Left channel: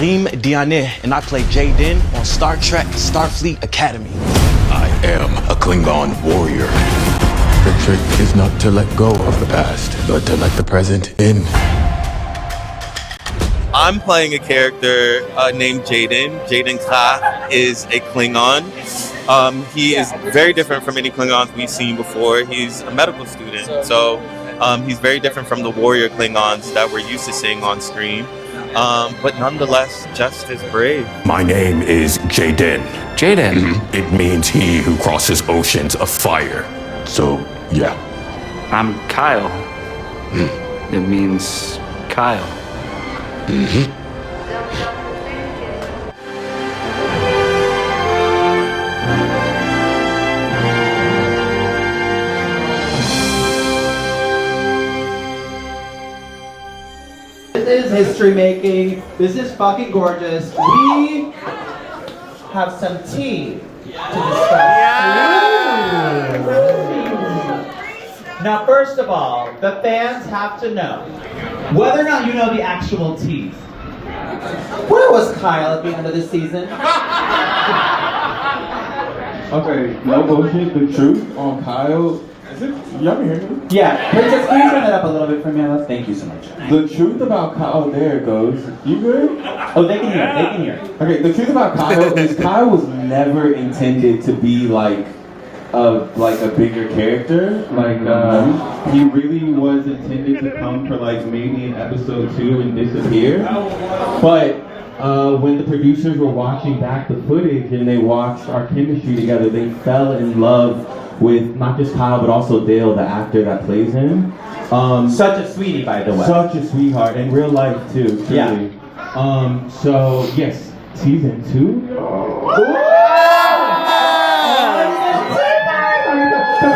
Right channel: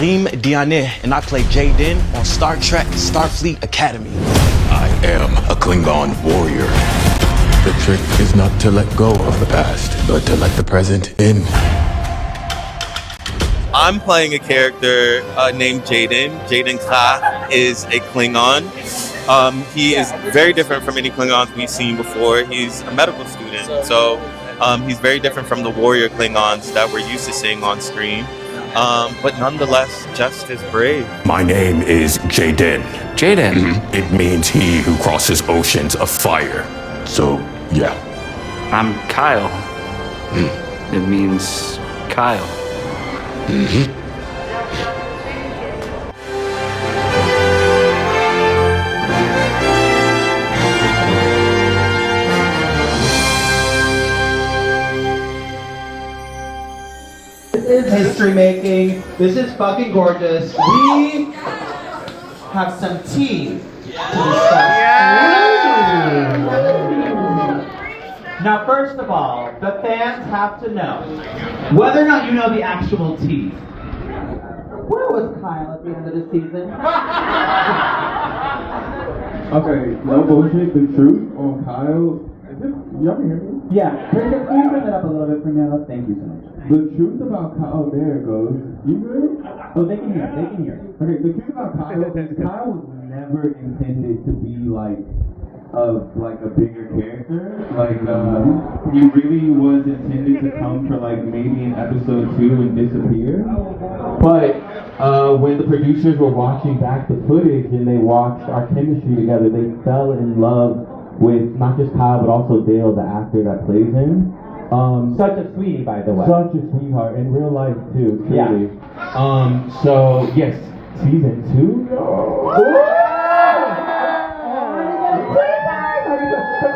Karim Diané, and I play Jay-Den on Star Trek Starfleet Academy. I am a Klingon warrior. The trick is not to let go of the past, but to let the present in. I'm playing a character named Jay-Den. Jay-Den Kraag is a Klingon. He is very different from any Klingons we've seen before. He's a medical student, so he's very different from the warrior Klingons that we're used to seeing on screen. But nonetheless, just as brave. My name is Jay-Den. Jay-Den? It means he who crosses oceans of fire. So, yeah. I'm Kyle. It means Kyle. This is history making. This is fucking gorgeous. We have some tea to discuss. Now, first of all, the fans have to know whether or not you know the actual tea. Where was Kyle at the end of the season? Okay, no bullshit. The truth on Kyle. Is it? Y'all can hear me? Yeah, Princess, can you turn that up a little bit for me, Alice? Thank you so much. The truth about Kyle. There it goes. You good? Oh, they can hear. They can hear. Okay, the truth about Kyle is Kyle was never intended to be like a bigger character. He really was intended to come for like maybe in episode 2 and disappear. But when the producers were watching back the footage and they watched our chemistry together, they fell in love with not just Kyle but also Dale, the actor that plays him. Such a sweetie, by the way. Such a sweetheart in real life too, truly. Yeah. So yes, season 2.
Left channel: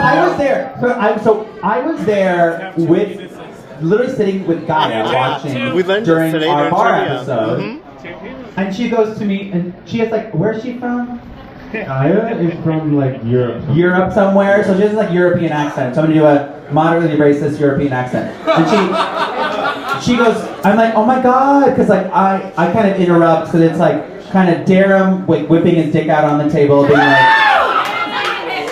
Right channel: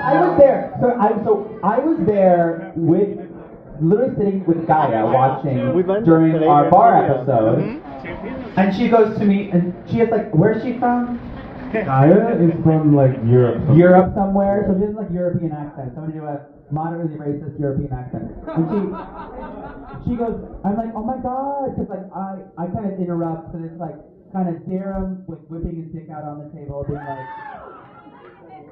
I was there. I was there with, literally sitting with Gaia watching during our bar episode, and she goes to me and she is like, "Where's she from?" Gaia is from like Europe. Europe somewhere. So she has like European accent. So I'm gonna do a moderately racist European accent, and she goes, I'm like, "Oh my god," because like I kind of interrupt because it's like kind of Darum whipping his dick out on the table, being like,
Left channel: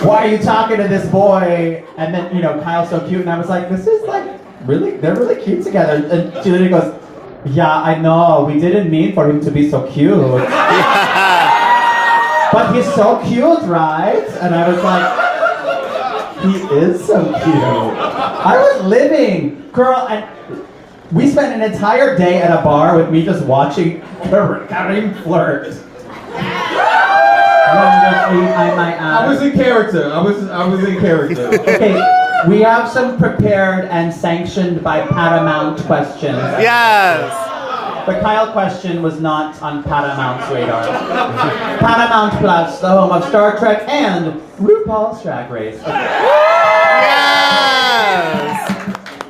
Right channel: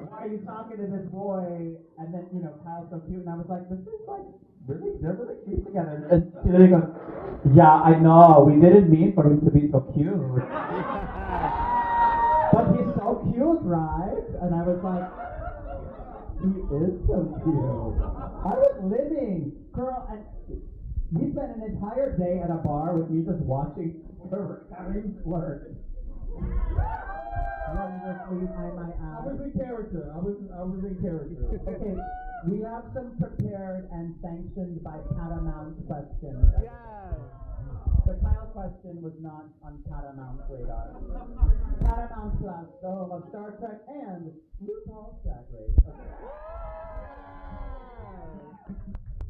"Why are you talking to this boy?" And then, Kyle's so cute, and I was like, this is like, they're really cute together. And she literally goes, "Yeah, I know, we didn't mean for him to be so cute." But he's so cute, right? And I was like, he is so cute. I was living, girl, and we spent an entire day at a bar with me just watching Karim flirt. I might add. I was in character. I was in character. Okay, we have some prepared and sanctioned by Paramount questions. Yes! The Kyle question was not on Paramount's radar. Paramount Plus, the home of Star Trek and RuPaul's Drag Race.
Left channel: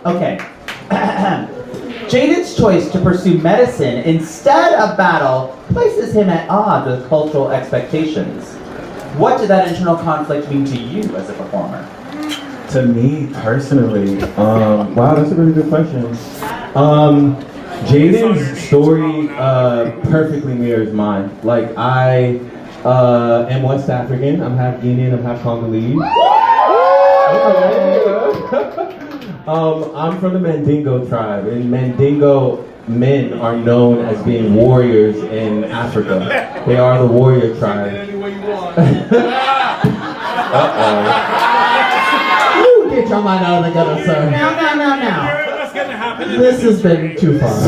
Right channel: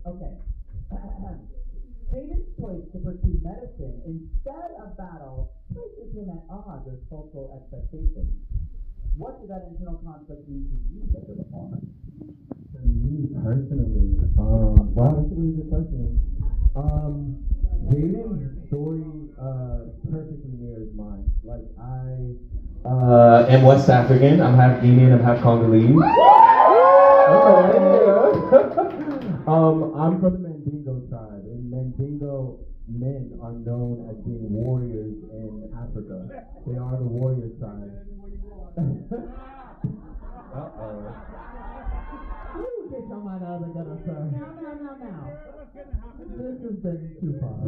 Okay. Okay. Jayden's choice to pursue medicine instead of battle places him at odds with cultural expectations. What did that internal conflict mean to you as a performer? To me personally, wow, that's a really good question. Jayden's story perfectly mirrors mine. Like, I am West African. I'm half Guinean, I'm half Congolese. Okay. I'm from the Mandingo tribe, and Mandingo men are known as being warriors in Africa. They are the warrior tribe. Uh-oh. You get your mind out of the gutter, sir. Now. This has been too far.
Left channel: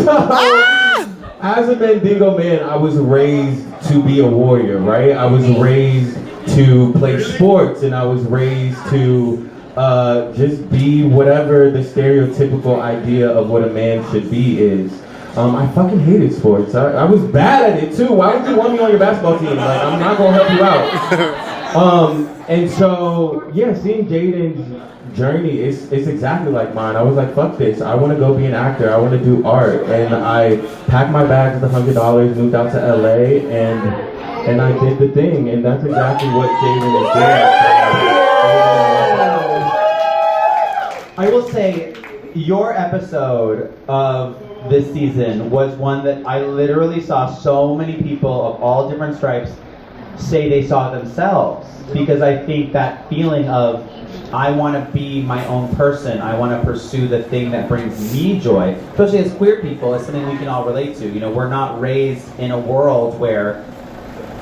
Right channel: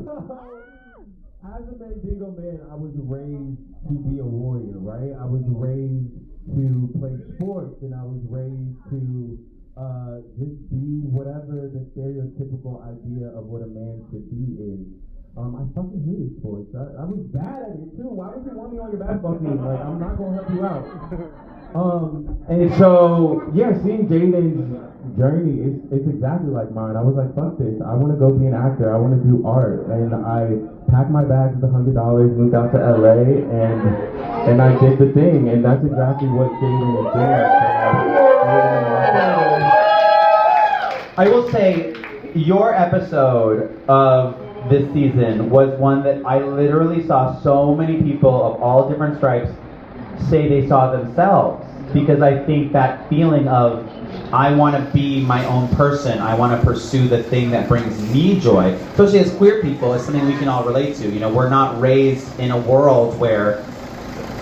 As a Mandingo man, I was raised to be a warrior, right? I was raised to play sports, and I was raised to just be whatever the stereotypical idea of what a man should be is. I fucking hated sports. I was bad at it too. Why would you want me on your basketball team? Like, I'm not gonna help you out. And so, yeah, seeing Jayden's journey is exactly like mine. I was like, fuck this. I want to go be an actor. I want to do art. And I packed my bags with $100, moved out to LA, and I did the thing. And that's exactly what Jay-Den is doing. I will say, your episode of this season was one that I literally saw so many people of all different stripes say they saw themselves. Because I think that feeling of, I want to be my own person, I want to pursue the thing that brings me joy, especially as queer people, is something we can all relate to. You know, we're not raised in a world where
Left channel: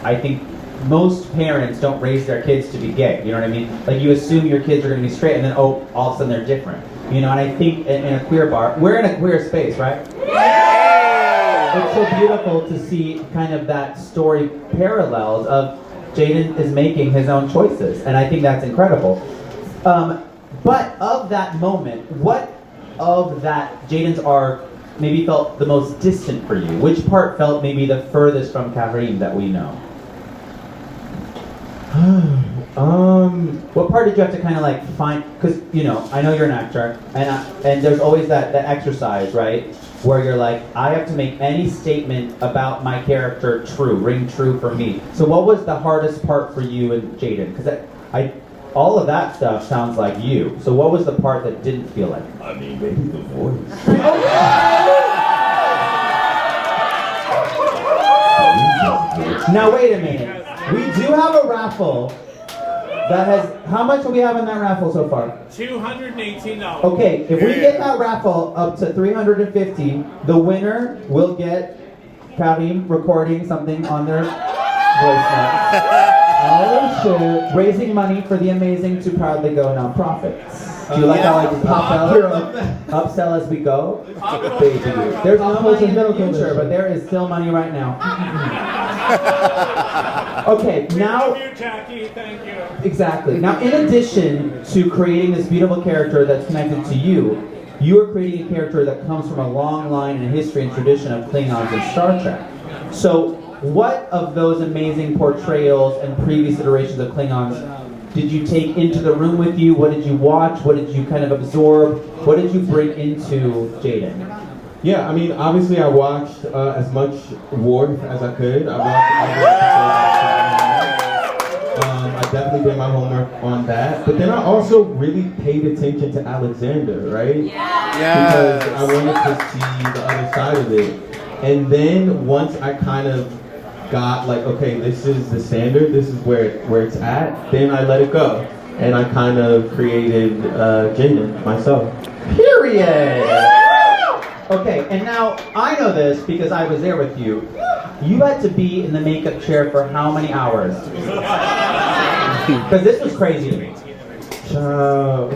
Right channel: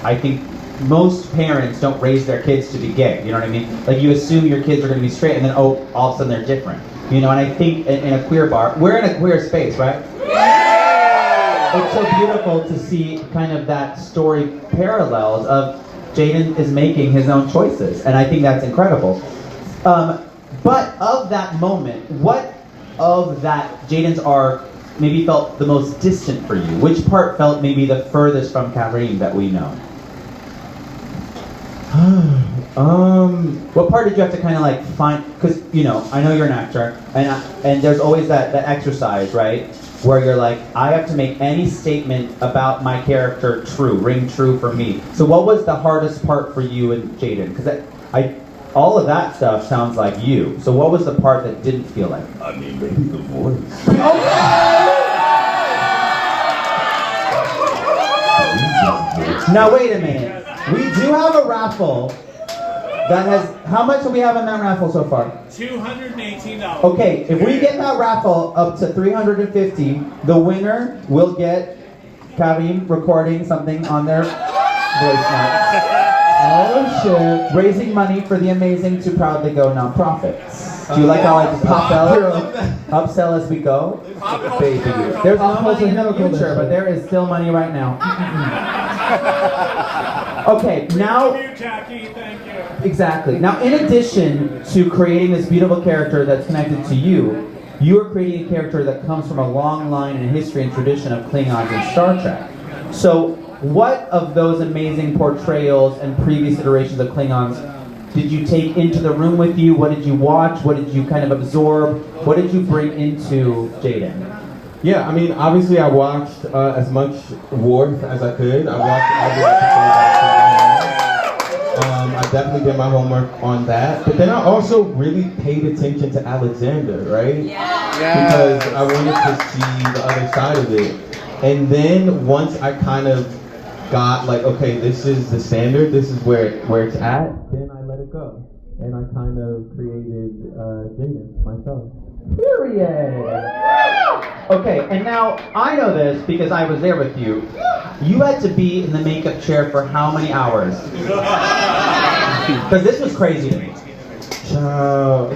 I think most parents don't raise their kids to be gay, you know what I mean? Like, you assume your kids are going to be straight, and then, oh, all of a sudden they're different. You know, and I think in a queer bar, we're in a queer space, right? It's so beautiful to see kind of that story parallels of Jay-Den is making his own choices, and I think that's incredible. But of that moment, what of that Jay-Den's arc maybe felt the most distant for you? Which part felt maybe the furthest from Karim that we know? What part did you have to kind of like find? Because, you know, I know you're an actor, and there's always that exercise, right? Where you're like, I have to make any statement about my character true, ring true for me. So what was the hardest part for you and Jay-Den? Because all of that stuff sounds like you. So what was the part that didn't feel like? I mean, maybe the voice. Now wait a minute. We do have a raffle that has, how much do we have in that raffle so far? $218. Okay, if we get that raffle up to $350, the winner will get Karim recording something on their voice notes. Oh shit. Raising money for the amazing to proudly go nonprofits. Do you like how I just upsell as we go? Baby. There's no money in the future, but there is still money right now. Okay, now... Thank you, Jackie. Thank you. Exactly. Now, in addition to creating this beautiful character that's connected to you, you are creating a character that comes from a long line and history and tradition of Klingons and Star Trek. So, what of those amazing portrayals and previous iterations of Klingons did you take into the room with you? What did you watch? What did you kind of absorb? What did you bring into Jay-Den? Yeah, I mean, obviously I watched as much Worf as I could. I definitely did my homework on that. But then I also really paid attention to Alexander, right? Yeah. Because I wanted to see the other side of it. And then once I kind of got like, okay, this is the standard, this is where it's at, then I let it go. And I kind of created Jay-Den myself. Period! Okay, and now I know this because I was there with you. You had to be in the makeup chair for how many hours? Because this was crazy to me. So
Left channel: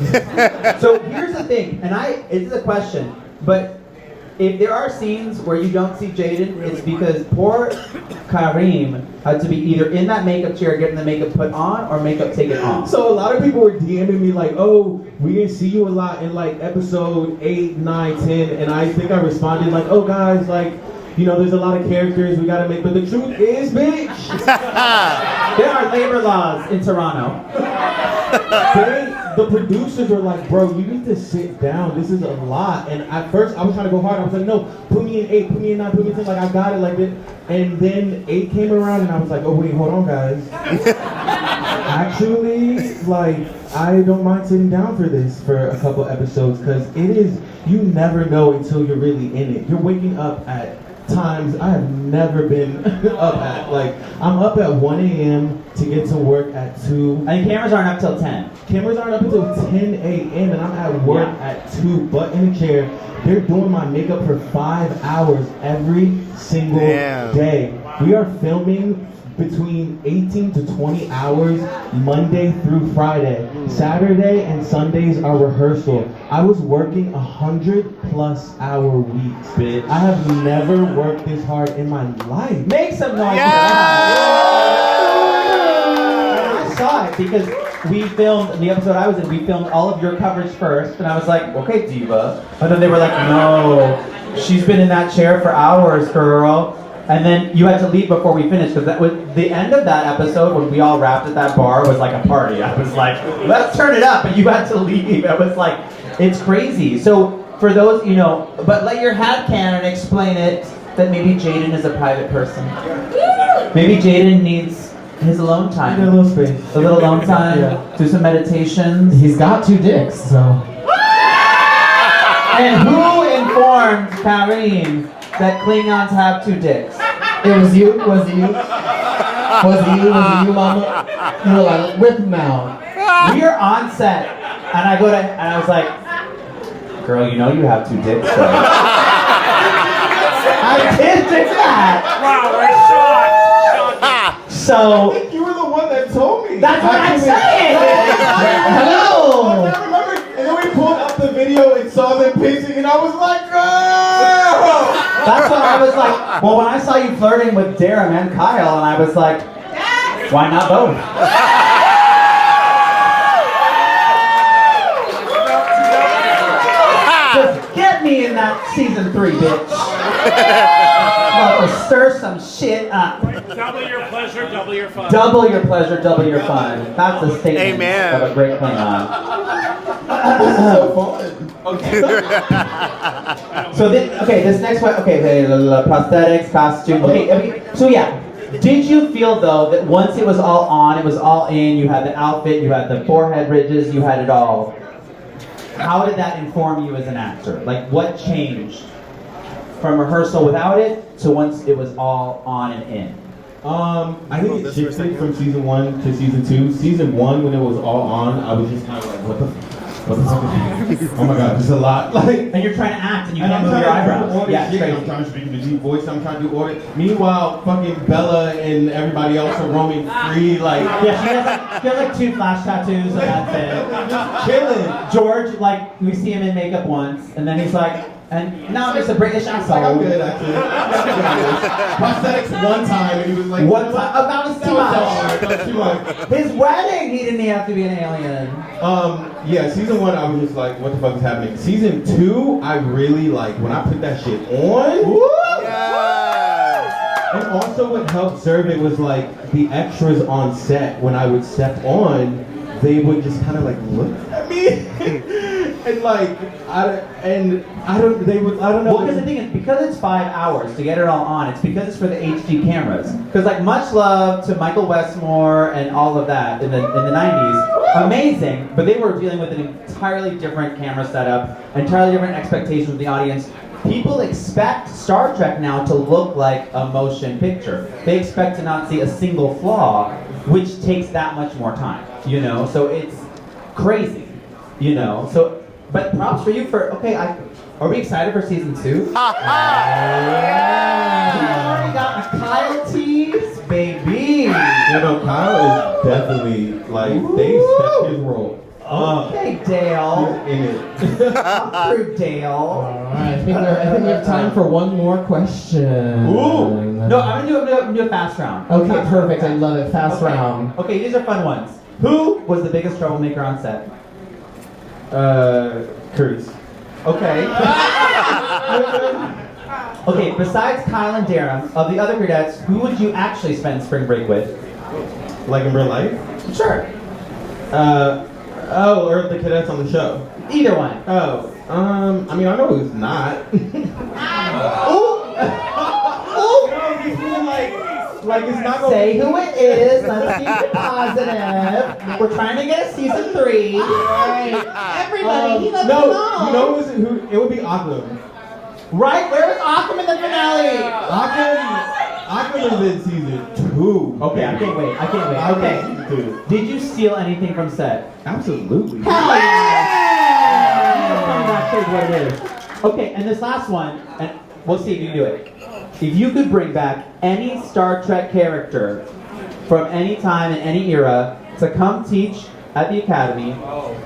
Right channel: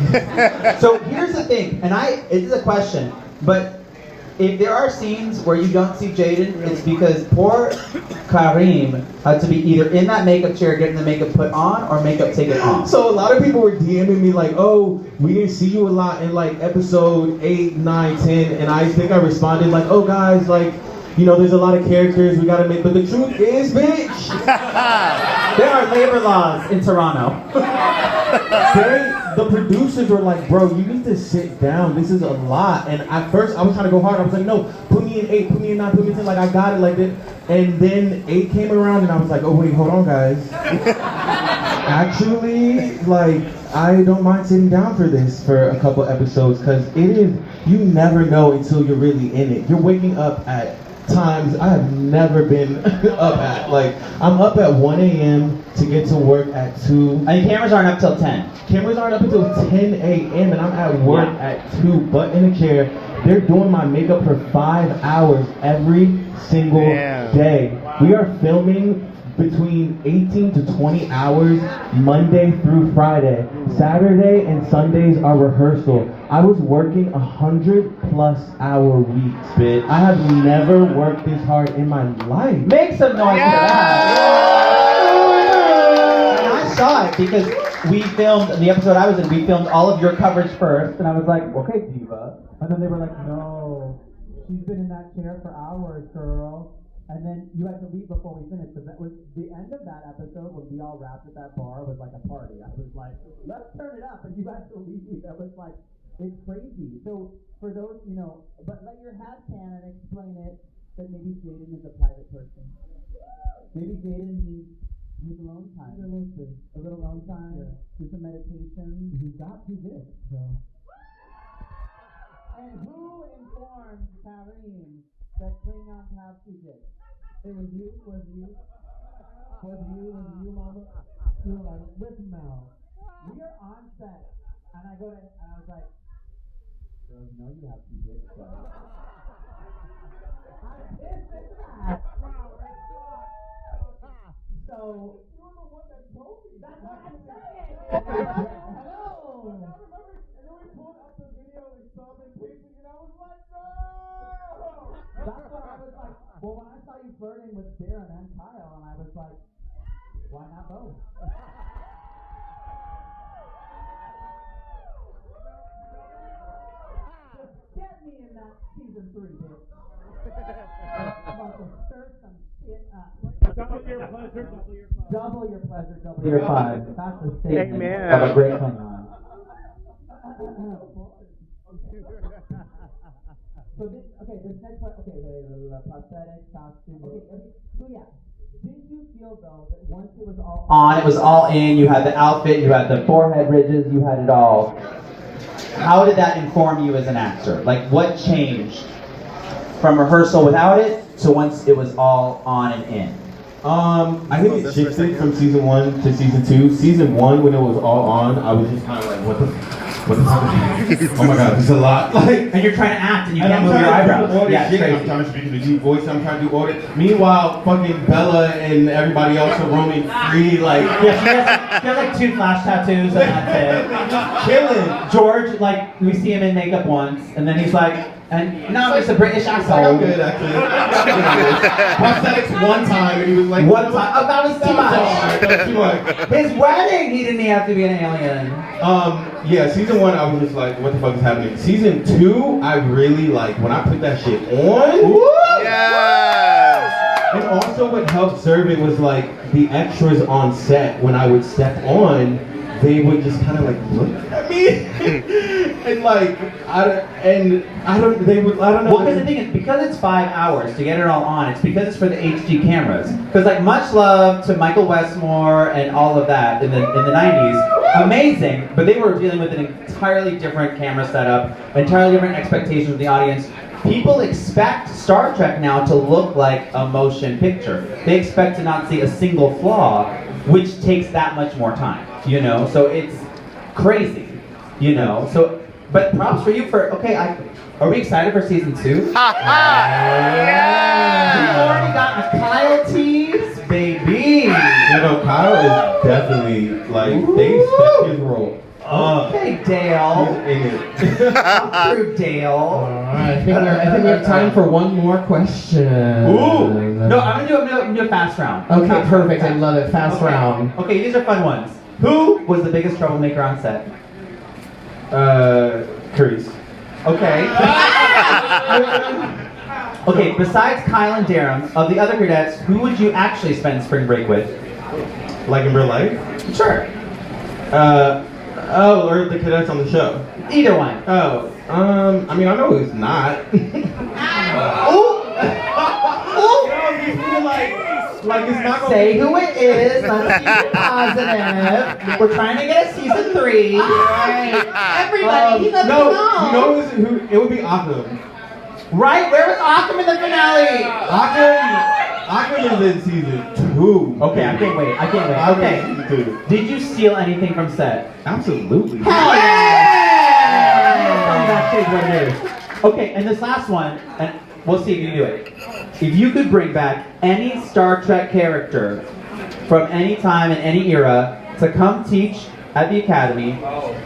here's the thing, and it is a question, but if there are scenes where you don't see Jay-Den, it's because poor Karim had to be either in that makeup chair getting the makeup put on or makeup taken off. So a lot of people were DMing me like, oh, we didn't see you a lot in like episode 8, 9, 10, and I think I responded like, oh guys, like, you know, there's a lot of characters we gotta make, but the truth is, bitch, there are labor laws in Toronto. The producers were like, bro, you need to sit down. This is a lot. And at first, I was trying to go hard. I was like, no, put me in 8, put me in 9, put me in 10. Like, I got it like this. And then 8 came around, and I was like, oh, wait, hold on, guys. Actually, like, I don't mind sitting down for this for a couple episodes, because it is, you never know until you're really in it. You're waking up at times I have never been up at. Like, I'm up at 1 a.m. to get to work at 2. And cameras aren't up till 10. Cameras aren't up until 10 a.m. and I'm at work at 2, butt in a chair. They're doing my makeup for 5 hours every single day. We are filming between 18 to 20 hours Monday through Friday. Saturday and Sundays are rehearsal. I was working 100+ hour weeks, bitch. I have never worked this hard in my life. Make some noise for that. I saw it because we filmed, in the episode I was in, we filmed all of your coverage first, and I was like, okay, diva. And then they were like, no, she's been in that chair for hours, girl. And then you had to leave before we finished, because that was the end of that episode when we all wrapped at that bar was like a party. I was like, let's turn it up, and you had to leave. I was like, it's crazy. So for those, you know, but let your head canon explain it that maybe Jay-Den is a private person. Maybe Jay-Den needs his alone time. A little space. A little alone time, do some meditations. He's got 2 dicks, so. And who informed informed Karim that Klingons have 2 dicks. It was you? Was it you? Was it you, mama? You were like, rip them out. We are on set, and I was like, girl, you know you have 2 dicks, so. I did do that. Wow, we're shocked. So, I think you were the one that told me. that's what I'm saying. Hello. I remember, and then we pulled up the video and saw them pacing, and I was like, oh! That's what I was like. Well, when I saw you flirting with Darren and Kyle, and I was like, why not both? Just get me in that season 3, bitch. About to stir some shit up. Double your pleasure, double your fun. Double your pleasure, double your fun. That's a statement Amen. of a great Klingon. So fun. So this next one, prosthetics, costume. Okay, so yeah. Did you feel though that once it was all on, it was all in, you had the outfit, you had the forehead ridges, you had it all. How did that inform you as an actor? Like what changed from rehearsal without it to once it was all on and in? I think it shifted from season 1 to season 2. Season 1, when it was all on, I was just kind of like, what the fuck is happening? Oh my god, this is a lot. Like, And you're trying to act and you and can't I'm move your trying to eyebrows. do all this Yeah, shit. it's I'm crazy. trying to speak in the deep voice. I'm trying to do all this. Meanwhile, fucking Bella and everybody else are roaming free, like, Yeah, she has like 2 flash tattoos and that's it. chilling. George, like, we see him in makeup once, and then he's like, and now it's a British Like, I'm accent. good, actually. Prosthetics one time, and he was like, One time, oh, that was too much. too much. His wedding, he didn't have to be an alien. Yeah, season 1, I was just like, what the fuck is happening? Season 2, I really like, when I put that shit on. Yes. And also what helped serve it was like, the extras on set, when I would step on, they would just kind of like look at me. And like, I don't know. Well, because the thing is, because it's 5 hours to get it all on, it's because it's for the HD cameras. Because like, much love to Michael Westmore and all of that in the 90s, amazing, but they were dealing with an entirely different camera setup, entirely different expectations of the audience. People expect Star Trek now to look like a motion picture. They expect to not see a single flaw, which takes that much more time, you know? So it's crazy, you know? So, but props for you for, are we excited for season 2? We already got a Kyle tease, baby. You know, Kyle is definitely, like, they stepped his role. Okay, Dale. He's in it. Come through, Dale. I think we have time for one more question. Ooh. No, I'm gonna do a fast round. Okay, perfect. I love it. Fast round. Okay, these are fun ones. Who was the biggest troublemaker on set? Curtis. Okay. Okay, besides Kyle and Darren, of the other cadets, who would you actually spend spring break with? Like in real life? Sure. Or the cadets on the show? Either one. Oh, I mean, I know it's not. Like it's not gonna Say who it is. Let's keep it positive. We're trying to get a season 3. Everybody, he doesn't know. You know who? It would be Akum. Right? Where was Occam in the finale? Akum is in season 2. Okay, I can't wait. Okay. Season 2. Did you steal anything from set? Absolutely. Hell yeah! Okay, and this last one, and we'll see if you can do it. If you could bring back any Star Trek character from any time in any era to come teach at the Academy,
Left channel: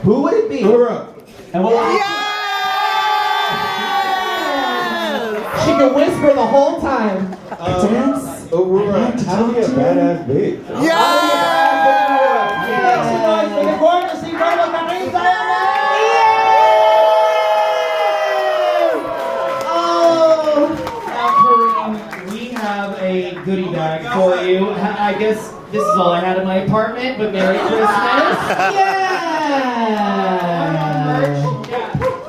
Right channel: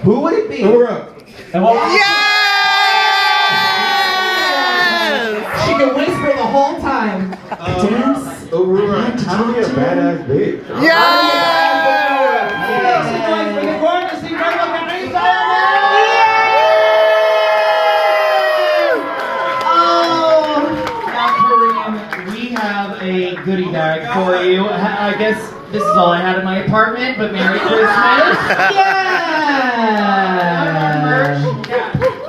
who would it be? And what? She can whisper the whole time. Aurora, how to be a badass bitch? We have a goodie bag for you. I guess this is all I had in my apartment, but Merry Christmas. Yeah!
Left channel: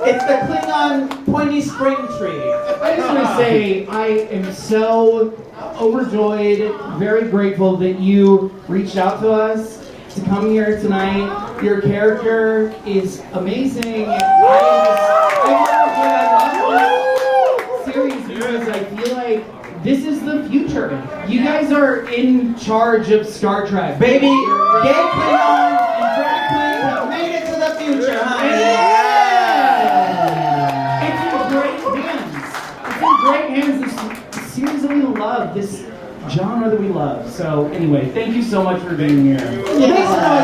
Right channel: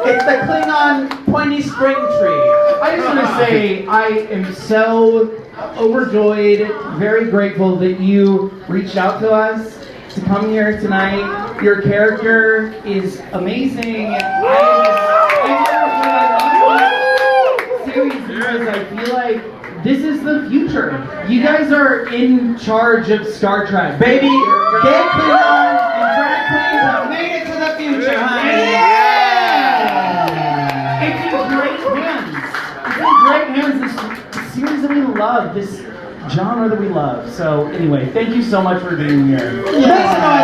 It's the Klingon pointy string tree. I just want to say I am so overjoyed, very grateful that you reached out to us to come here tonight. Your character is amazing. because I feel like this is the future. You guys are in charge of Star Trek. Baby, gay Klingon and drag queens have made it to the future, honey. It's in great hands. It's in great hands. This series that we love, this genre that we love. So anyway, thank you so much for being here. Make some noise